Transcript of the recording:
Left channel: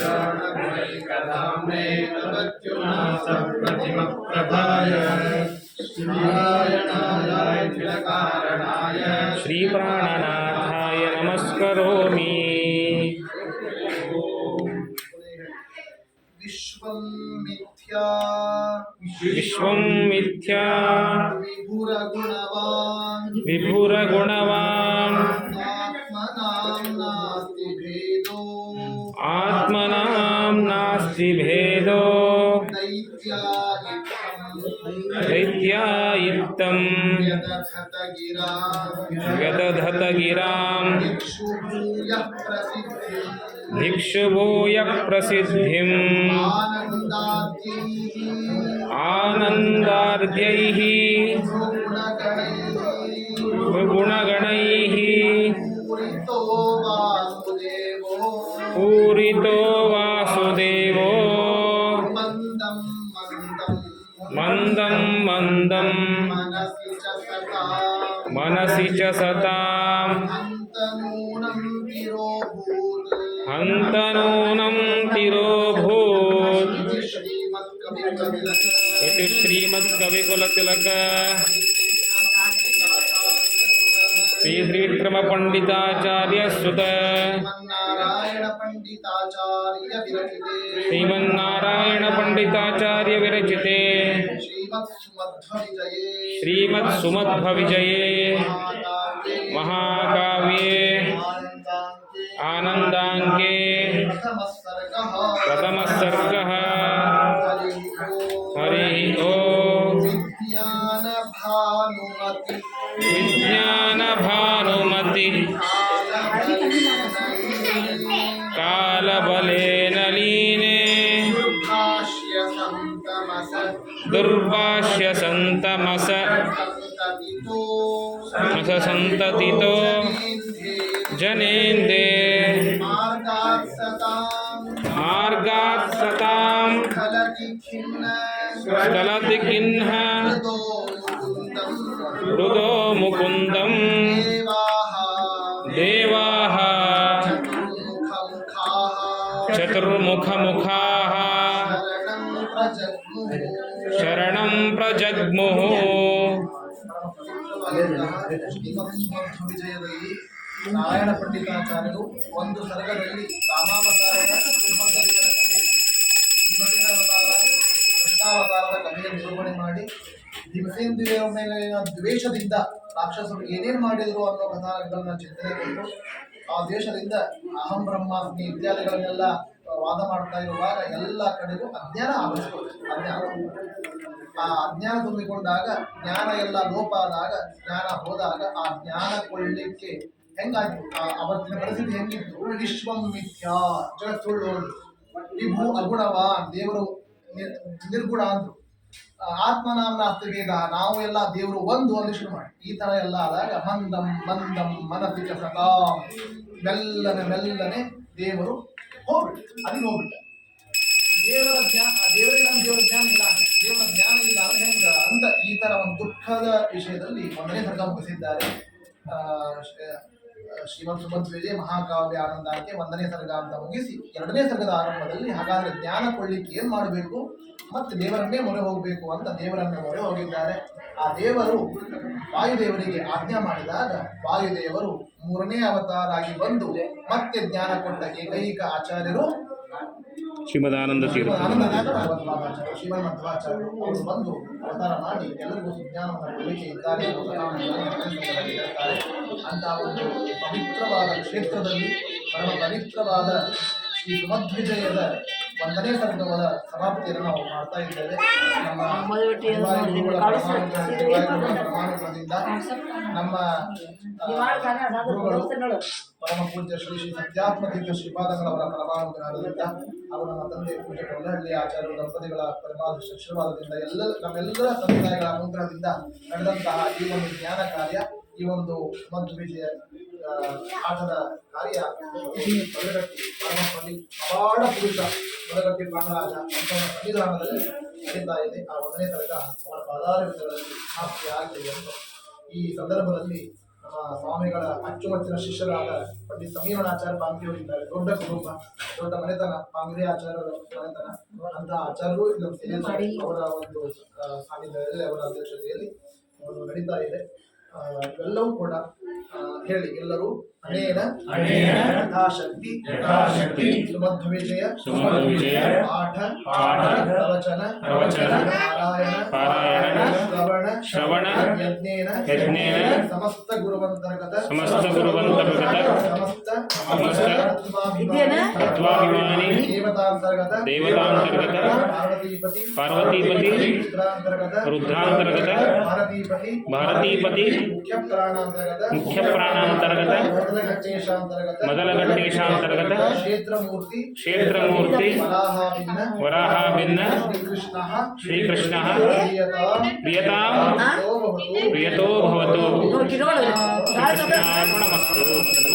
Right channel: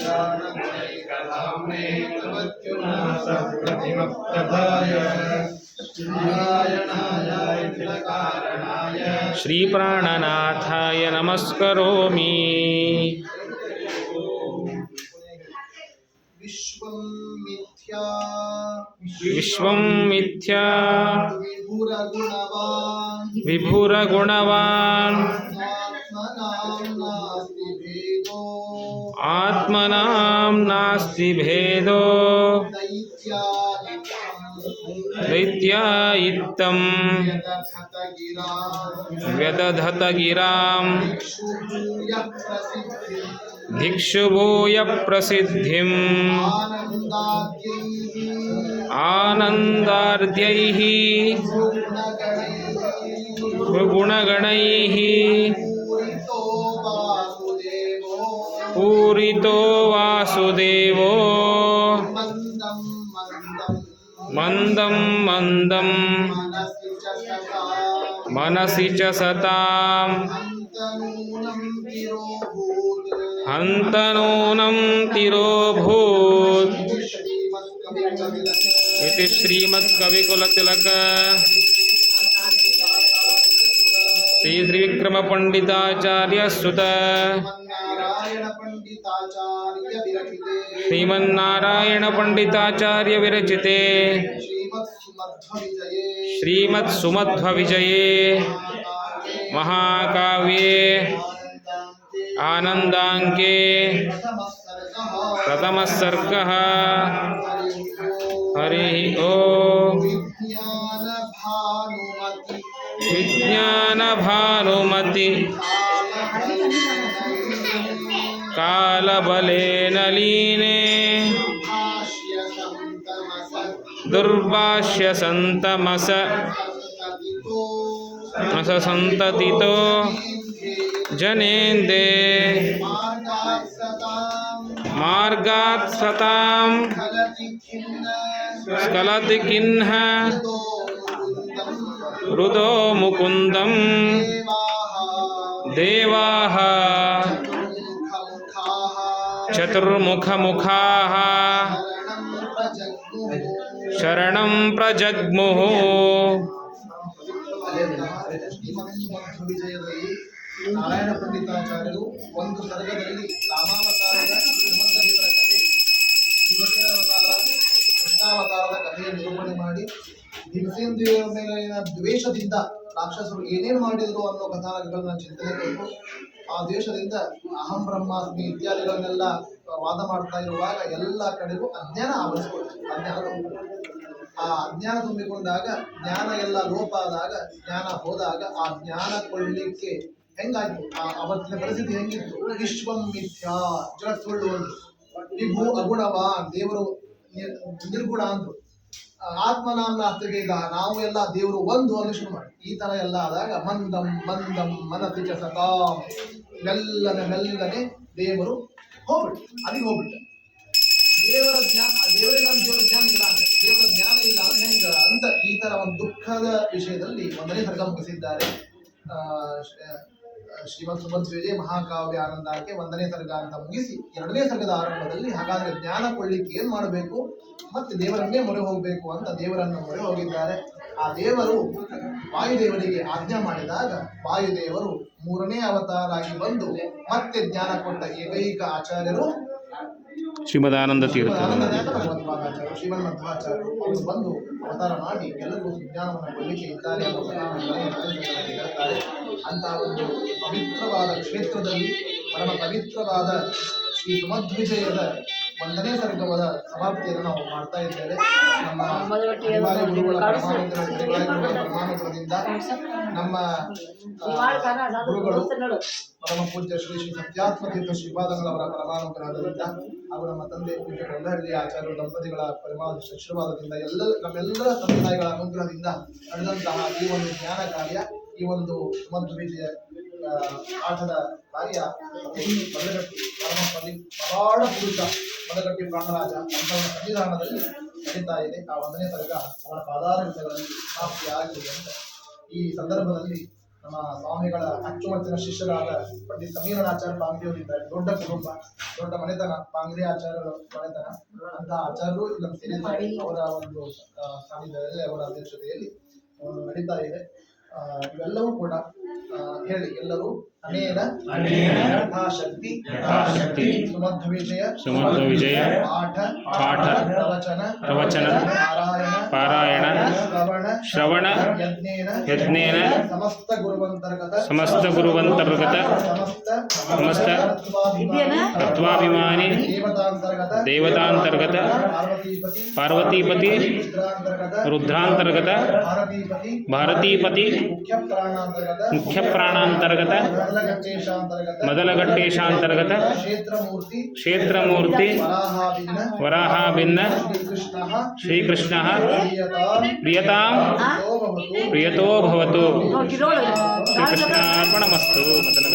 तमत्युनासप्रतिमप्रभाय श्रीनारायणायाखिलकारणाय श्रीप्राणनाथाय नमस्करोमि। विश्वं मिथ्या। विश्वं मिथ्या। विभुरगुणवान्। विभुरगुणवान्। आत्मनां नास्ति भेदो। दैत्यायित्तं यदधत गिरां दिक्षुभूय प्रसिद्धिम् आनन्दार्ध्यैः गुणगणैः मनसी च सताम्। हन्तनूनं तिरोभूत्। इति श्रीमत्कविकुलतिलक। श्रीश्रीविक्रमपण्डिताचार्यसुत। श्रीमन्नारायणपण्डिताचार्यविरचिते। श्रीमत्सुमध्व विजये महाकाव्ये। आनन्दाङ्के। प्रथमः सर्गः हरिः ओ। विज्ञानभानुमति। विज्ञानभानुमति। दुर्भाष्य संतमस अस संततितो जनेन्दे। मार्गात् सतां स्खलति किन्ह रुदो मुकुन्दं देवाः। चतुर्मुखमुखा। तं ಪ್ರಜಗ್ಮುಃ ನಾರಾಯಣ ಪಂಡಿತಾಚಾರ್ಯರು ಒಂದು ಸರ್ಗದಲ್ಲಿ ರಾಮಾವತಾರದ ಹನುಮಂತದೇವರ ಕಥೆ ಶಿವದೇವತಾರ ಕೃಷ್ಣಾವತಾರದ ಕಥೆಯ ನಿರೂಪಣೆ ಮಾಡಿ ದಿವಸೇಂದ್ರ ಮೇಲಿನ ದ್ವೇಷದಿಂದ ರಾಕ್ಷಸರು ಏನೇನು ಮಾಡಿದ್ರು ಅನ್ನೋ ಕಥಾನಕಗಳನ್ನ ಚಿಂತನೆ ಕೊಟ್ಟು, ಆ ದ್ವೇಷದಿಂದ ಅಹಂ ಬ್ರಹ್ಮಾಸ್ಮಿ ಇತ್ಯಾದಿಗಳನ್ನೆಲ್ಲ ವಾದ ಮಾಡ್ತಾ ಇರುವಾಗ ಎಲ್ಲ ಕಡೆಗೂ ಅಜ್ಞಾನ ಆವರಿಸ್ಕೊಳ್ತಾರೆ ಅಜ್ಞಾನ ಆ ಅಜ್ಞಾನ ತುಂಬಿಕೊಂಡಾಗ, ಜ್ಞಾನ ಎಲ್ಲ ಲೋಪ ಆದಾಗ, ಜ್ಞಾನ ಹೋದಾಗ ಆ ಜ್ಞಾನ ಕೊಳ್ಳಿಕ್ಕೆ ಹೆಂಗಾಯ್ತು? ಆ ಅವತ್ತಿನ ಪರಿಸ್ಥಿತಿ ಹೆಂಗಿತ್ತು? ವಿಶ್ವಂ ಮಿಥ್ಯಾ ಜಗತ್ ಸುಳ್ಳು ವಿಭು ಅಗುಣವಾ, ದೇವರು ನಿರ್- ನಿರ್ಗುಣ ಅಂದ್ರು. ಆತ್ಮನಾಮನ ಆತ್ಮನಾಮ್ನ ಅಸ್ತವೇದ ನಾವು ಎಲ್ಲ ದೇವರು ಒಂದು ಒಂದು ಶುರು ಮಾಡಿ. ಈ ತರ ಎಲ್ಲ ಆದಾಗ ಮಂದಂ ಮಂದಂ, ಮನಸ್ಸು ಸತಾ ಮೆಲ್ಲನೆ ಮೆಲ್ಲನೆ ದೇವರು ಹೋಗ್ಬಿಟ್ಟು ಅಲ್ಲಿಗೆ ಹೋಗ್ಬಿಟ್ಟ ದೇವರ ಜ್ಞಾನ ದೇವರಿಗೆ ನಮ್ಮ ದೇವರ ಜ್ಞಾನ ಇಲ್ಲ ಅಂದ್ರೆ ದೇವರ ಜ್ಞಾನ ಇಲ್ಲ ಅಂದ್ರೆ ಹೆಂಗ ಅಂತ ಈ ತರ ಒಂದು ದುಃಖದ ವಿಷಯದಲ್ಲಿ ಒಂದನೇ ಸರ್ಗ ಮುಗಿಸಿದ್ದಾರೆ. ಶ್ರೀಮಂತ ಸುಮಂತ್ ವಿಜಯ ಮಹಾಕಾವ್ಯ ಆನಂದಕ್ಕೆ ಒಂದನೇ ಸರ್ಗ ಅಂತ ಮುಗಿಸಿ ಎರಡನೇ ಸರ್ಗದ ಆರಂಭದಲ್ಲಿ ಹಾಗಾದರೆ ಜ್ಞಾನ ಕೊಳ್ಳಿಕ್ಕೆ ಏನು ಮಾಡಬೇಕು ಮತ್ತೆ ದೇವರನ್ನೇ ಮೊರೆ ಹೋಗಬೇಕು ಅಂತ ದೇವರನ್ನು ಮೊರೆ ಹೋಗಿದ್ದಾರೆ. ಆ ದೇವರು ವಾಯುದೇವರಿಗೆ ಆಜ್ಞಾ ಮಾಡಿದಾಗ ವಾಯುದೇವರು ಮೂರನೇ ಅವತಾರ ಆಗಿ ಬಂದು ಮತ್ತೆ ಜ್ಞಾನ ಕೊಟ್ಟ ಏಕೈಕ ಆಚಾರ್ಯರು ಶ್ರೀಮದಾನಂದ ತೀರ್ಥ ಆನಂದನಾಥ ಭಗವತ್ಪಾದಾಚಾರ್ಯರು ಶ್ರೀಮನ್ ಮಧ್ವಾಚಾರ್ಯರು ಅವರು ಬಂದು ಅವತಾರ ಮಾಡಿ ಎಲ್ಲರಿಗೂ ಸುಜ್ಞಾನವನ್ನು ಕೊಡಲಿಕ್ಕೆ ಇದ್ದಾರೆ ಅಂತಹ ಒಂದು ಪವಿತ್ರವಾದ ಕ್ಷೇತ್ರದಲ್ಲಿ ಪರಮ ಪವಿತ್ರವಾದ ಶ್ರೀ ಸುಮಧ್ವಿಜಯದ ಒಂದನೇ ಸರ್ಗವಾದ ಸಮಾಪ್ತಿಯನ್ನು ನಾವು ಮಾಡ್ತಾ ಇದ್ದೇವೆ. ನಮ್ಮ ಗುರುಗಳ ಪರಮಾನುಗ್ರಹದಿಂದ ನಮ್ಮ ಗುರುಗಳು ಪರಮ ಪೂಜ್ಯ ಶ್ರೀ ಶ್ರೀ ಸತ್ಯಾತ್ಮ ತೀರ್ಥ ಶ್ರೀಪಾದಗಳವರ ಪರಮಾನುಗ್ರಹದಿಂದ ಹಾಗೂ ನಮ್ಮ ತಂದೆ ಪೂಜೆ ಕೊಂಡಹಳ್ಳಿ ಆಚಾರ್ಯ ದಂಪತಿಗಳ ಪರಮಾದೃಷ್ಟ ಆಶೀರ್ವಾದದಿಂದ ಎಲ್ಲ ನಮ್ಮೆಲ್ಲರ ಸಮುದಾಯಗಳ ತಾಯಿಗಳ ಅನುಗ್ರಹದಿಂದ ನಡೆದಂತಹ ಈ ಒಂದು ಜ್ಞಾನ ಕಾರ್ಯ ಈ ಒಂದು ಸುಮಂತ್ ವಿಜಯ ಆ, ಆಟದ ಕಾರ್ಯ ಮದಗಟ್ಟಿ ಪರಮಪಲ್ಲಿ ಪಲಿ ಪವಾಡ ಪುರುಷ ಮದಗಟ್ಟಿ ಪ್ರಾಣರಾಜ ಅಂತವರ ಸನ್ನಿಧಾನದಲ್ಲಿ ನಡೀತಾ ಇದೆ. ಆ ಒಂದನೇ ತರಗ ಅವರ ಪದಾರ ಸಮಾಪ್ತಿ ಆಗಲಿ ಅಂತ ಈ ಸಂದರ್ಭದಲ್ಲಿ ನಮ್ಮ ಸ್ವಾಮಿಗಳ ಅಚ್ಚುಮಚ್ಚಿನ ಶಿಷ್ಯರಾದ ಪಂಡಿತ್ ಸಮೀರಣಾಚಾರ್ಯ ಪಾಂಗ್ರಿಯವರಿದ್ದಾರೆ. ದೊಡ್ಡ ಕುಟುಂಬ, ದೊಡ್ಡ ಮನೆತನ, ಪಾಂಗ್ರಿ ಆಚಾರ್ಯರ ಮನೆತನ. ಅಂತ ಆಚಾರ್ಯರು ಇಲ್ಲಿ ಸೇರಿದ್ದಾರೆ ಅವರ ಒಂದು ಸಾನ್ನಿಧ್ಯದಲ್ಲಿ, ಅವರ ಅಧ್ಯಕ್ಷತೆಯಲ್ಲಿ ನಡೀತಾ ಇದೆ. ಇವೆಲ್ಲವೂ ಕೂಡ ಹೇಳಿ ಎಲ್ಲರೂ ಅನೇನ ಯಥಾಶಕ್ತಿ ಸುಮಧ್ವ ವಿಜಯ ಸುಮಧ್ವ ವಿಜಯ ಪಾಠ ಪಾಠ ಪ್ರವಚನ ಪ್ರವಚನ ಪಾರಾಯಣ ಪಾರಾಯಣ ಶ್ರವಣ ಶ್ರವಣ ಯಜ್ಞೇನ ಯಜ್ಞೇನ ಸಮಸ್ತ ಗುರುವಂತರ್ಗತ ಸಮಸ್ತ ಗುರುವಂತರ್ಗತ ಸಮಸ್ತ ಸಮಸ್ತ ತತ್ವಾಭಿಮಾನಿ ದೇವತಾಂತರ್ಗತ ದೇವತಾಂತರ್ಗತ ಪಾರ್ವತೀಪತಿ ಪಾರ್ವತೀಪತಿ ರುದ್ರಾಂತರ್ಗತ ರುದ್ರಾಂತರ್ಗತ ಭಾರತೀಪತಿ ಭಾರತೀಪತಿ ಮುಖ್ಯ ಪ್ರಾಣಾಂತರ್ಗತ ಮುಖ್ಯ ಪ್ರಾಣಾಂತರ್ಗತ ಮೊದಲಘಟ್ಟೇಶಾಂತರ್ಗತ ಮೊದಲಘಟ್ಟೇಶಾಂತರ್ಗತ ಕ್ಷೇತ್ರಮೂರ್ತಿ ಕ್ಷೇತ್ರಮೂರ್ತಿ ವರಾಹಾಭಿನ್ನ ವರಾಹಾಭಿನ್ನ ಶ್ರೀಕೃಷ್ಣ ಶ್ರೀಕೃಷ್ಣ ಪ್ರಿಯತಾ ಪ್ರಿಯತಾಂ ಭವತು ಪ್ರಿಯತೋ ಭವತು ನೋಡ್ಕಿ ನೋಡು ಶ್ರೀಕೃಷ್ಣಾರ್ಪಣಮಸ್ತು ಮೊದಲ